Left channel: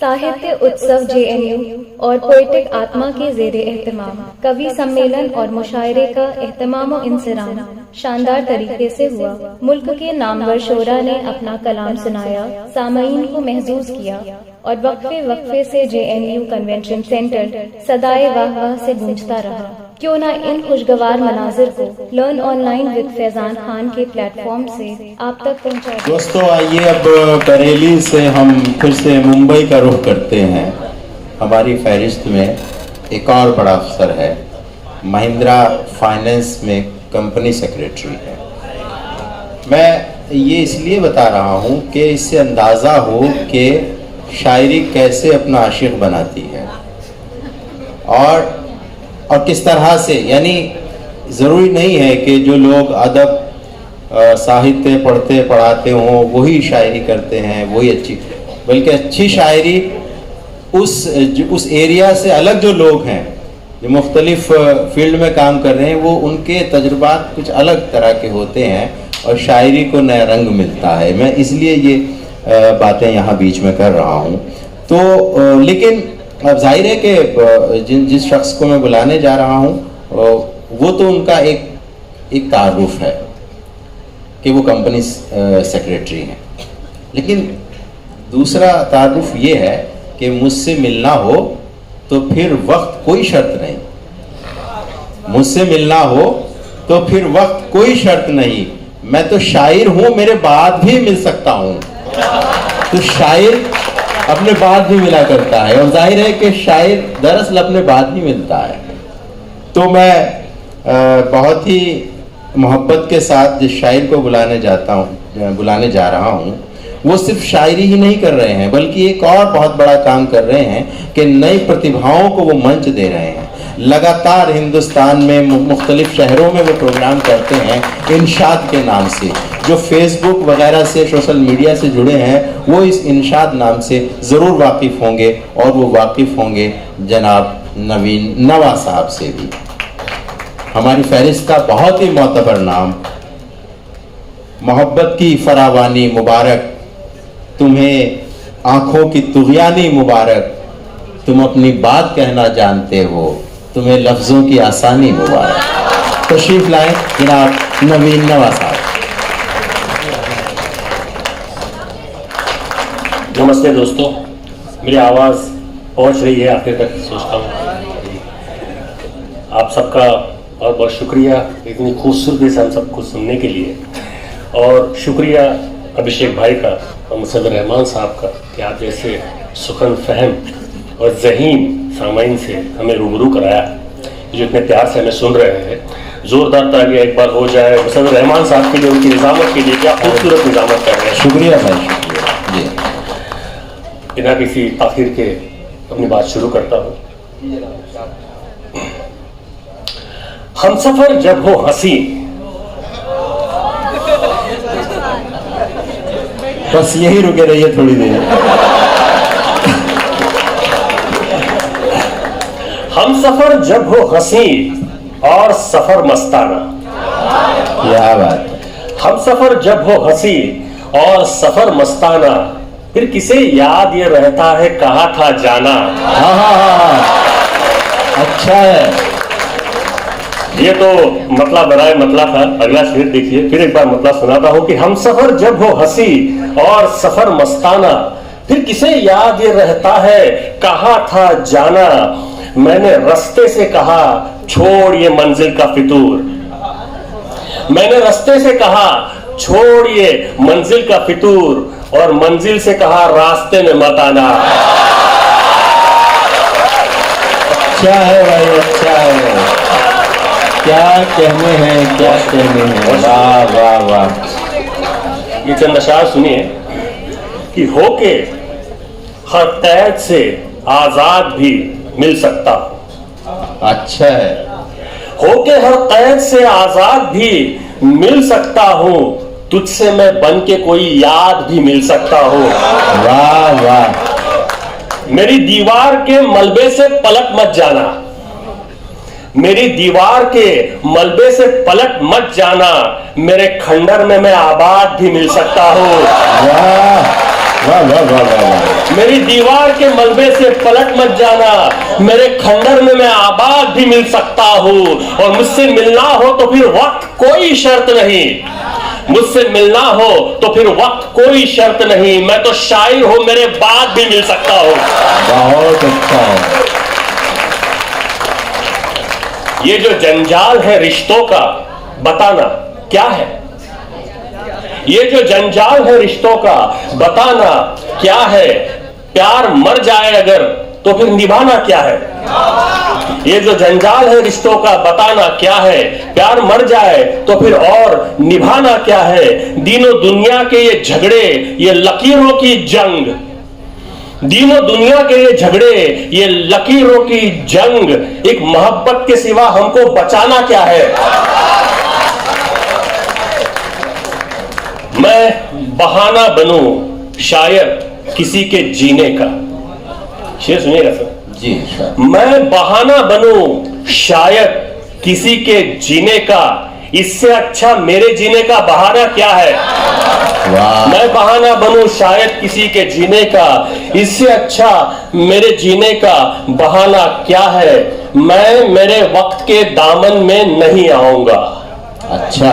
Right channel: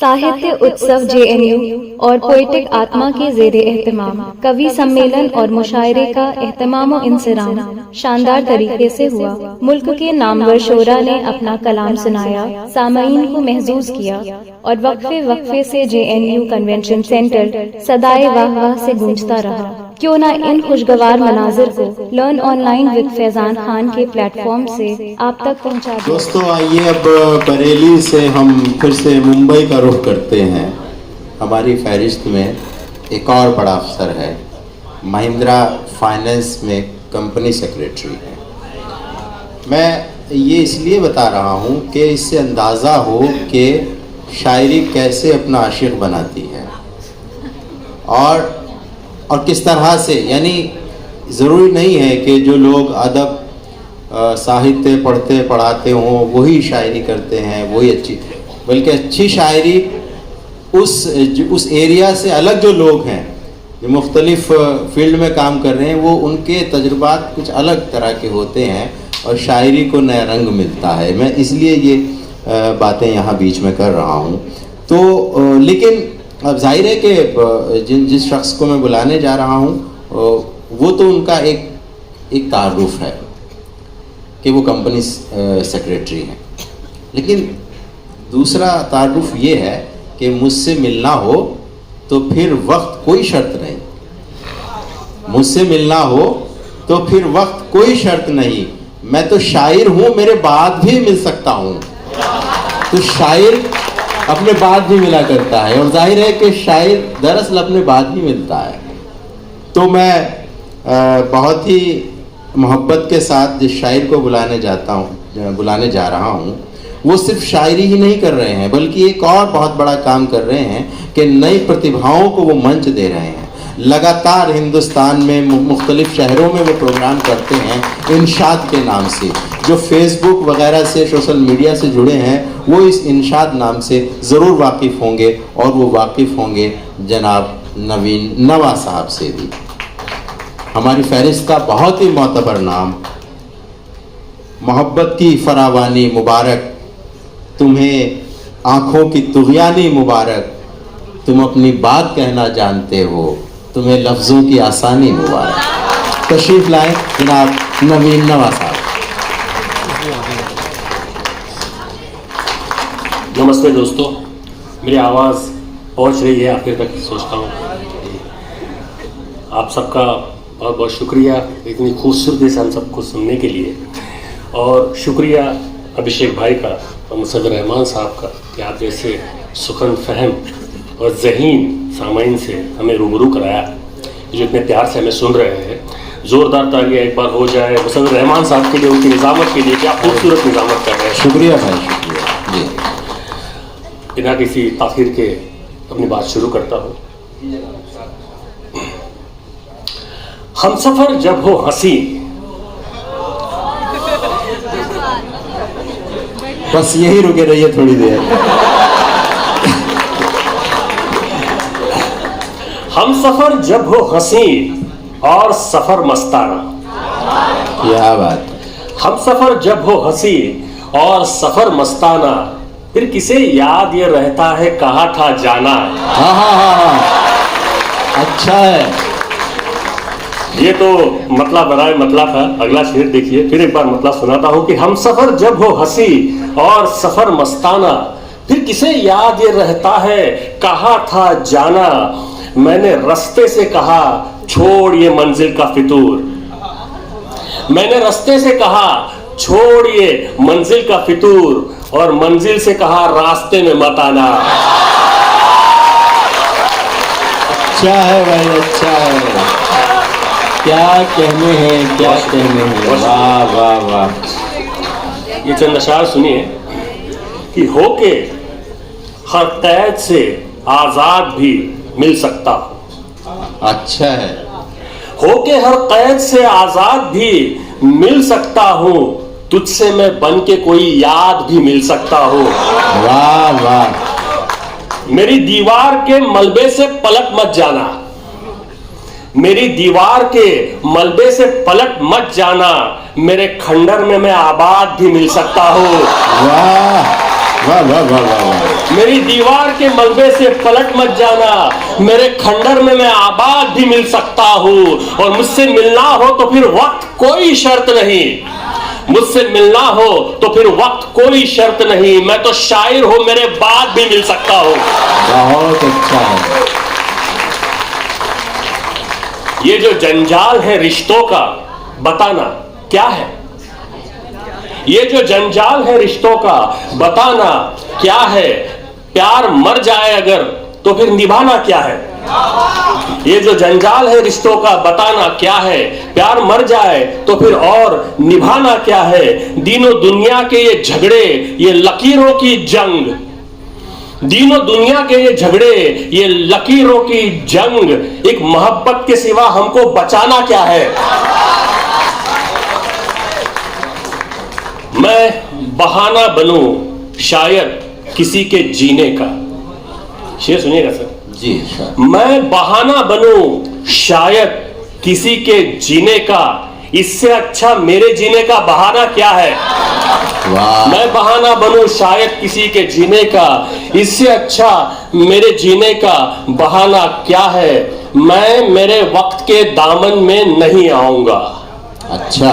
साहित्य उत्सव जेएनयू और पोएटिक आत्मा के ज़ेरे एहतमाम कवि सम्मेलन और मुशायरे का एहतमाम व इंसराम शानदार तरीके से हुआ। मुल्क के नामवर शोरा ने अपना कलाम सुनाया, सामईन को महजूज किया और वक्फे वक्फे से जेएनयू कन्वेंशन सेंटर सदाए वाह वाह से गूंजता रहा। क्यों ना इन खुशगवार मनाजिर को learn online with Faizan Khan के प्लेटफॉर्म से आप तक पहुंचा दें। दोस्तों, आइए अब बरेली से हम फिर से मुंबई का रुख करते हैं। हमारी फहरिस्त में एक और बड़ा अफसर है, महिंद्रा फाइनेंस में कंपनी सेक्रेटरी है। मैं ये इसलिए बता रहा हूँ कि इससे अंदाज़ा हो कि शायरी कैसे अपना आशिक बनाती है और किस तरह से, यानी ज़रूरी नहीं है कि जो लोग अदब साहित्य पढ़ते पढ़ाते हों वही शायरी करते हैं, वही अच्छी, बल्कि अच्छी शायरी उस एरिया से अलग जो लोग हैं, जो मुख्तलिफ फील्ड में काम कर रहे हैं, वो उनके तजुर्बात कुछ अलग तरह के होते हैं और शायरी को नया रंग मिलता है। मैं इसलिए ये बातें यहाँ बीच में कर रहा हूँ। तो लेकिन अब जाहिर है कि जिस शख्स को मैं बुलाने जा रहा हूँ वो तो उनका एक तारुफ है कि वो कंपनी सेक्रेटरी हैं, लेकिन दूसरा तारुफ ये है कि मुझसे मिलना हो तो फिर वक्त कोई शर्त नहीं, मुझसे मिलना हो तो फिर वक्त कोई शर्त नहीं। मैं तो शायर हूँ, मेरे बाद भी मिल सकता हूँ। तो शायर अपने बाद भी मिला करता है और जाहिर है कि शायर दरअसल अपने बाद ही मिलता है। तो मैं बहुत ही मोहब्बत के साथ जिस शायर को बुलाने जा रहा हूँ, वो सिर्फ शायरी ही नहीं कर रहे हैं, बल्कि एक और बहुत बड़ा काम कर रहे हैं कि नई प्रतिभाओं को वो मंच दे रहे हैं। लगातार हिंदुस्तान में मुख्तलिफ शहरों में वो प्रोग्राम करते हैं इनशाद के नाम से। जो फेसबुक वगैरह से, सोशल मीडिया से जुड़े हैं, वो इस इनशाद नाम से ज़रूर वाकिफ़ होंगे और वो वाकिफ़ होंगे जनाब नवीन नवा साहब से भी। हमारी फहरिस्त का बहुत ही मोतबर नाम, मोहब्बत की फरावानी मुबारक, तुम्हें आँखों की तुग़यानी मुबारक, तुम अपनी बात कहना जानते हो, तुम्हें लफ्ज़ों की आसानी मुबारक। तशरीफ़ लाएं जनाब नवीन नवा साहब। नमस्ते दोस्तों, मेरी आवाज़ पहुंच रही है आखिर तक, सोचता हूँ। आप सबका बहुत बहुत शुक्रिया इतनी खूबसूरती से हम सबको सुनने के लिए, और शुक्रिया अभिषेक भाई का और मुसद्दर रहमान साहब का कि आप जैसे सुखन फहम और ज़हीन सामाइन से हमें रूबरू कराया, जो इतने प्यार से हमें सुन रहे हैं। ज़ोरदार तालियां एक बार हो जाए मुसद्दर रहमान साहब के लिए, उनकी निज़ामत के लिए। क्या खूबसूरत निज़ामत कर रहे हैं। शुक्रिया भाई, शुक्रिया जी। बिना किसी ताख़ीर के अपनी बात शुरू करता हूँ। हमसफर जब हो हंसी, बस यही रुके रहिए थोड़ी देर। हमसफर जब हो हंसी और सफर मस्ताना, क्या बात है। हमसफर जब हो हंसी और सफर मस्ताना, फिर किसे याद ये रहता है कहाँ था जाना। हाँ हाँ हाँ हाँ, अच्छा है। ये तो मतला बनाए मतला था। अगला शेर देखिए, फिर एक बार मतला सुनाता हूँ कि हमसफर जब हो हंसी और सफर मस्ताना, फिर किसे याद ये रहता है कहाँ था जाना। मैंने रास्ते से कहा छोड़ ये मंजिल का फितूर, मैंने रास्ते से कहा छोड़ ये मंजिल का फितूर, और मंजिल से कहा रास्ते में मत आना। अच्छा है भाई, अच्छा है। क्या कहने हैं, क्या कहने हैं। वाह वाह वाह। ये चंद अशार सुनिए कि होके हर कैद से आजाद भी मिल सकता हूं। अच्छा है। होके हर कैद से आजाद भी मिल सकता हूं, तुझसे मैं बन के कोई याद भी मिल सकता हूं। वाह वाह। मेरी दीवार के मलबे से पलट मत जाना, मेरी दीवार के मलबे से पलट मत जाना, मेरे खंडर में मैं आबाद भी मिल सकता हूं। वाह वाह वाह वाह वाह वाह। मेरी दीवार के मलबे से पलट मत जाना, मेरे खंडर में मैं आबाद भी मिल सकता हूँ, और मुझसे मिलना हो तो फिर वक्त कोई शर्त नहीं, मुझसे मिलना हो तो फिर वक्त कोई शर्त नहीं, मैं तो शायर हूं, मेरे बाद भी मिल सकता हूं। बहुत अच्छा है। ये जो जंजाल है रिश्तों का, बताना क्या है? ये जो जंजाल है रिश्तों का, बताना क्या है? प्यार मर जाए अगर तो फिर निभाना क्या है? ये जो जंजाल है रिश्तों का, बताना क्या है? प्यार मर जाए तो फिर और निभाना क्या है? दीनों दुनिया के ये झगड़े, ये लकीरों की जंग, दीनों दुनिया के ये झगड़े, ये लकीरों की जंग, एक मोहब्बत के सिवा हमको बचाना क्या है? मैं बहाना बनूं शायद किसी के जीने का, शेर सुनिएगा सर जी सर। मैं बहाना बनूं शायद किसी के जीने का, इससे अच्छा मेरे जीने का बहाना क्या है? वाह। मैं बहाना बनूं शायद किसी के जीने का, इससे अच्छा मेरे जीने का बहाना क्या है? मैं मेरे वक्त के दामन में नहीं आऊंगा। अच्छा,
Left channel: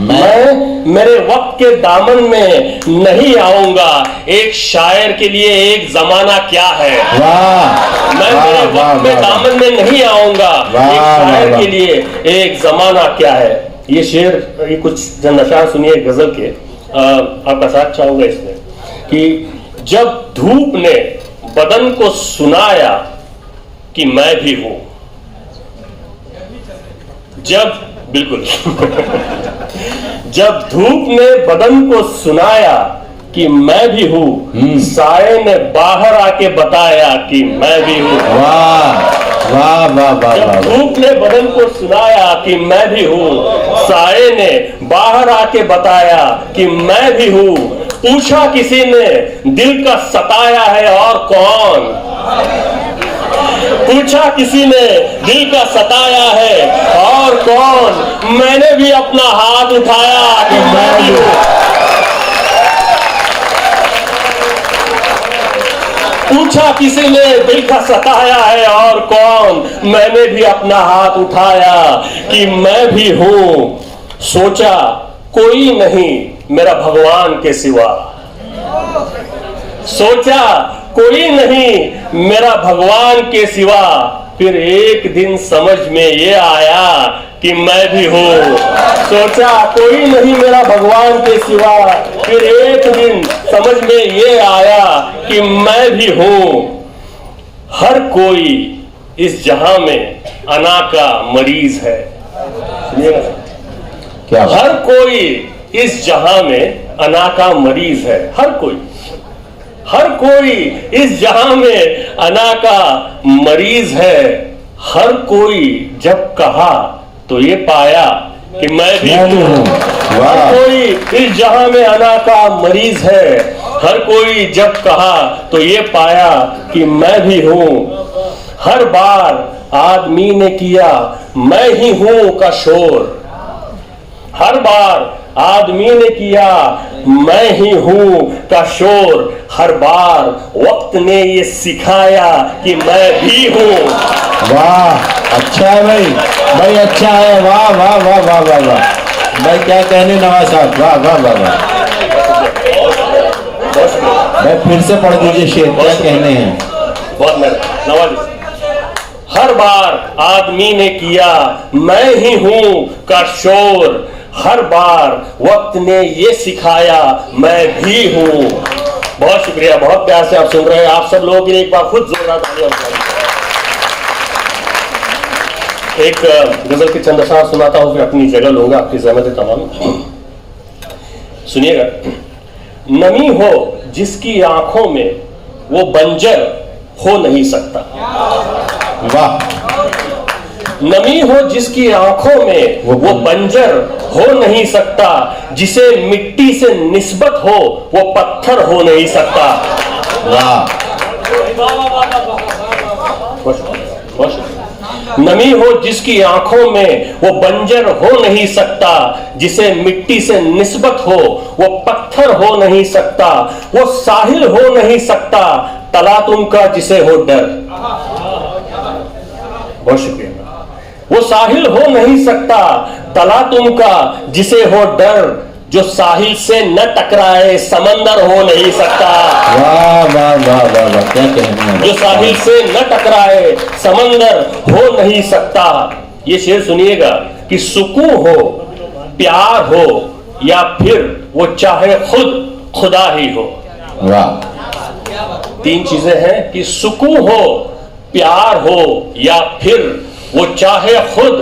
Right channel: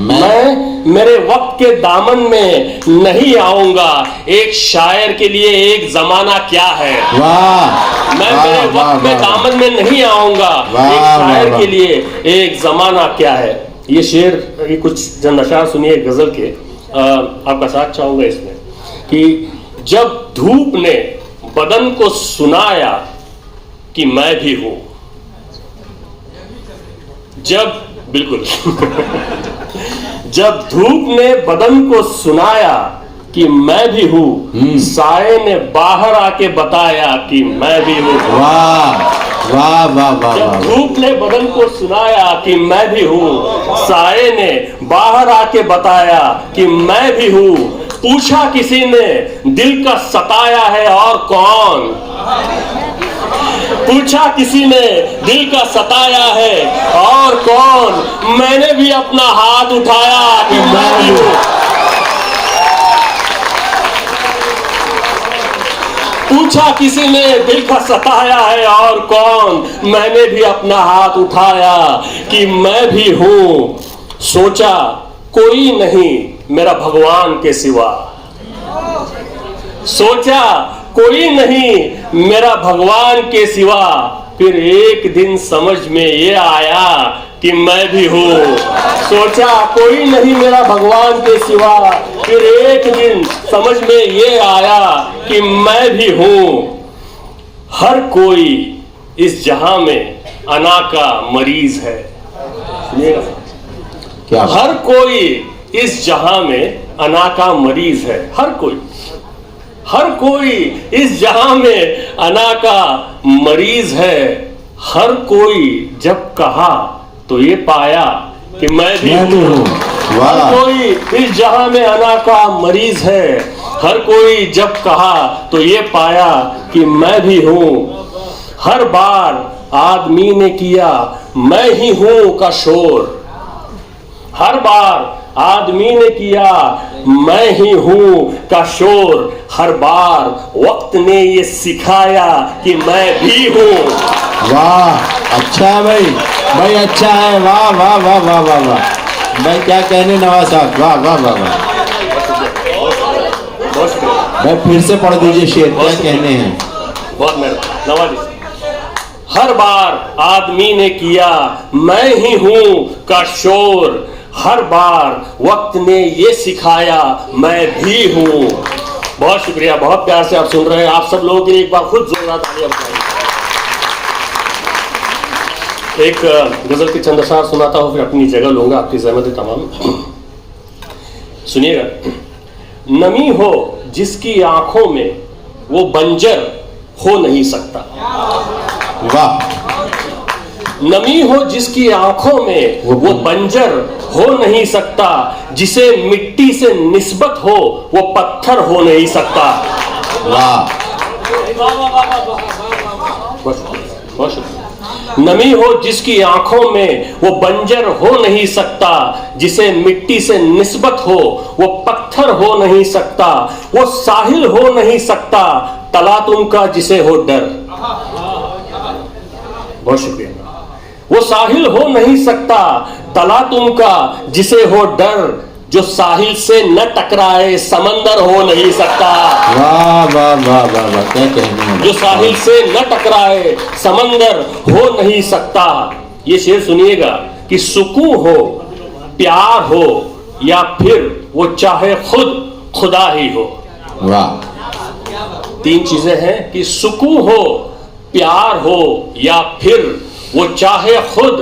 मैं मेरे वक्त के दामन में नहीं आऊंगा। एक शायर के लिए एक जमाना क्या है? वाह। मैं मेरे वक्त में दामन में नहीं आऊंगा। एक शायर के लिए एक जमाना क्या है? ये शेर, ये कुछ जन अशार सुनिए गजल के, आपका साथ चाहूंगा इसमें कि जब धूप ने बदन को सुनाया कि मैं भी हूं, जब बिल्कुल जब धूप ने बदन को सुनाया कि मैं भी हूं, साए ने बाहर आके बताया कि मैं भी हूं। वाह वाह वाह वाह। जब धूप ने बदन को सुनाया कि मैं भी हूं, साए ने बाहर आके बताया कि मैं भी हूं। पूछा किसी ने दिल का सताया है और कौन? पूछा किसी ने दिल का सताया है और कौन? मैंने भी अपना हाथ उठाया कि मैं भी हूं। पूछा किसी ने दिल का सताया है और कौन? मैंने भी अपना हाथ उठाया कि मैं भी हूं। सोचा कोई नहीं मेरा भगवान के सिवा, सोचा कोई नहीं मेरा भगवान के सिवा। फिर एक दिन समझ में ये आया कि मैं भी हूं। सोचा कोई नहीं मेरा भगवान के सिवा, फिर एक दिन समझ में ये आया कि मैं भी हूं। हर कोई इस जहां में अना का मरीज है। क्या बात? हर कोई इस जहां में अना का मरीज है। हर कोई इस जहां में अना का मरीज है। हर कोई जब कहा तो ये पाया कि मैं भी हूं। हर कोई इस जहां में अना का मरीज है। हर कोई जब कहा तो ये पाया कि मैं भी हूं। हर बार आदमी ने किया मैं ही हूं का शोर। हर बार आदमी ने किया मैं ही हूं का शोर। हर बार वक्त ने ये सिखाया कि मैं भी हूं। वाह, अच्छा है भाई, भाई अच्छा है। वाह वाह वाह वाह वाह वाह भाई, क्या कहने नवाज साहब, वाह वाह वाह वाह। भाई फिर से पढ़ दीजिए शेर, क्या कहने हैं? बहुत मेहरबानी नवाज। हर बार आदमी ने किया मैं ही हूं का शोर। हर बार वक्त ने ये सिखाया मैं भी हूं। बहुत शुक्रिया, बहुत प्यार से आप सुन रहे हैं। आप सब लोगों के लिए एक बार खुद जोरदार तालियां बजाइए। एक गजल के चंद अशार सुनाता हूं, फिर अपनी जगह लूंगा, आपकी ज़हमत तमाम सुनिएगा। नमी हो जिसकी आंखों में वो बंजर हो नहीं सकता। वाह। नमी हो जिसकी आंखों में वो बंजर हो नहीं सकता। जिसे मिट्टी से निस्बत हो वो पत्थर हो नहीं सकता। वाह। नमी हो जिसकी आंखों में वो बंजर हो नहीं सकता, जिसे मिट्टी से निस्बत हो वो पत्थर हो नहीं सकता, वो साहिल हो नहीं सकता तला तुमका जिसे हो डर। बहुत शुक्रिया। वो साहिल हो नहीं सकता तला तुमका जिसे हो डर, जो साहिल से न टकराए समंदर हो नहीं सकता। वाह वाह वाह वाह वाह, क्या कहना है। जो साहिल से न टकराए समंदर हो नहीं सकता। ये शेर सुनिएगा कि सुकून हो, प्यार हो, या फिर वो चाहे खुद खुदा ही हो। वाह, तीन चीजें हैं कि सुकून हो, प्यार हो, या फिर वो चाहे खुद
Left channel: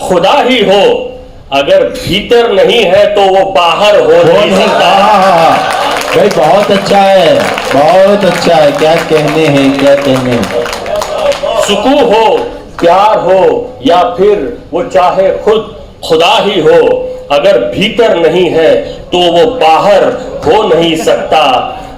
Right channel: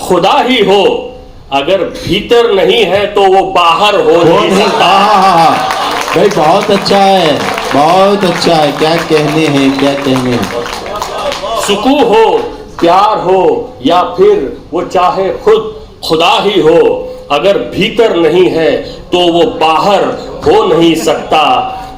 खुदा ही हो। अगर भीतर नहीं है तो वो बाहर हो नहीं सकता। भाई बहुत अच्छा है, बहुत अच्छा है, क्या कहने हैं, क्या कहने हैं। सुकून हो, प्यार हो, या फिर वो चाहे खुद खुदा ही हो। अगर भीतर नहीं है तो वो बाहर हो नहीं सकता।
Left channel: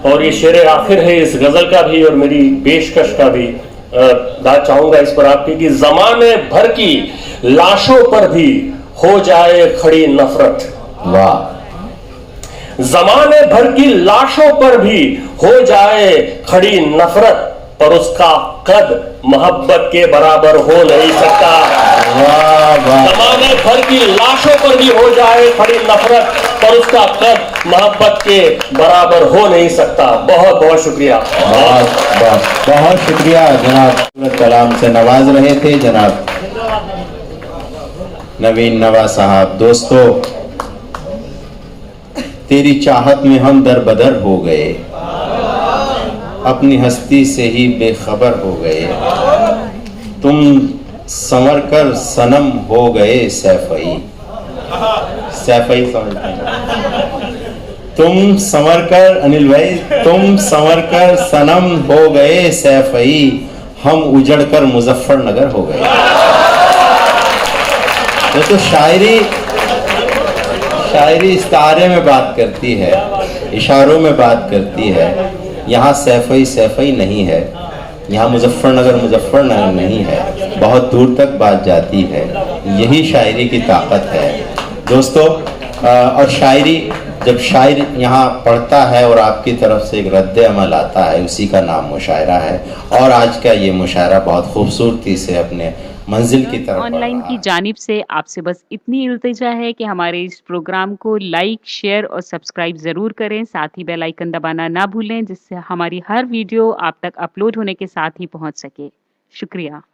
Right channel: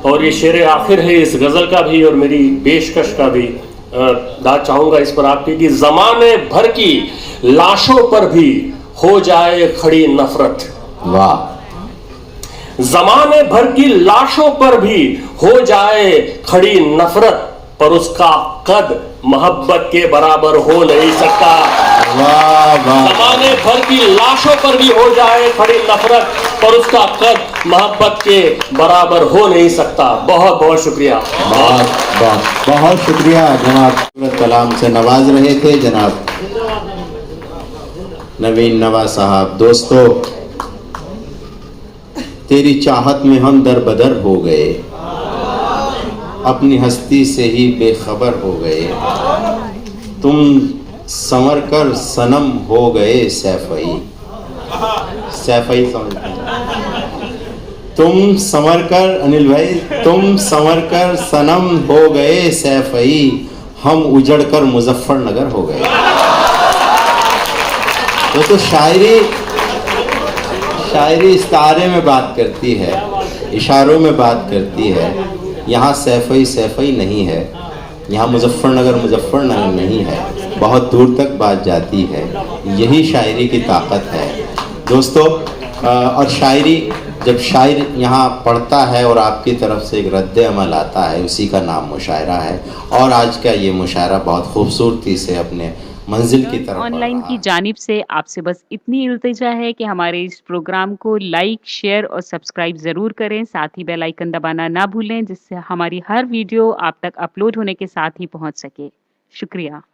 और ये शेर आखिर है इस गजल का भी और मेरी पेशकश का भी। दाद चाहूंगा इस पर आपकी कि जमाने भर की लाशों पर भी हो जाए खड़ी नफरत। वाह, जमाने भर की लाशों पर भी हो जाए खड़ी नफरत, पर उसका कद मोहब्बत के बराबर हो नहीं सकता। वाह वाह, जमाने भर की लाशों पर भी हो जाए खड़ी नफरत, पर उसका कद मोहब्बत के बराबर हो नहीं सकता। बहुत बहुत शुक्रिया। बहुत बहुत बहुत शुक्रिया जनाब। कलाम से नवाज रहे थे जनाब नवीन नवा साहब। दोस्तों, तेरी चाहत में हम दरबदर हो गए, अपनी हस्ती से ही बेखबर हो गए। तुम संवर कर सनम हो गए सैफई। सैफई समझते हैं? तुम संवर कर, अनिल भाई, तुम संवर कर सनम हो गए सैफई, हम उजड़ कर मुजफ्फरनगर हो गए। तो शायरी इस्तारे में बात करती है, इशारों में बात करती है। यहाँ सैफई सैफई नहीं है, यहाँ मुजफ्फरनगर नहीं है, बहुत दूर तक बात जाती है। यही शायरी की ताकत है दोस्तों। और शायरी, जब शायर यहाँ पढ़ता है और आपकी तरफ से एक रद्द अमल आता है, उसी का नाम मुशायरा है। और आज का ये मुशायरा बहुत खूबसूरती से अपने मंजिल की तरफ ऑनलाइन की जानिब से आपसे बस इतनी इल्तिजा है कि हमारे इस प्रोग्राम को लाइक, शेयर और सब्सक्राइब ज़रूर करें। साथ ही बेल आइकन दबाना ना भूलें, जिससे हमारी हर वीडियो आप तक अपलोड होने के साथ ही पहुंच सके। शुक्रिया।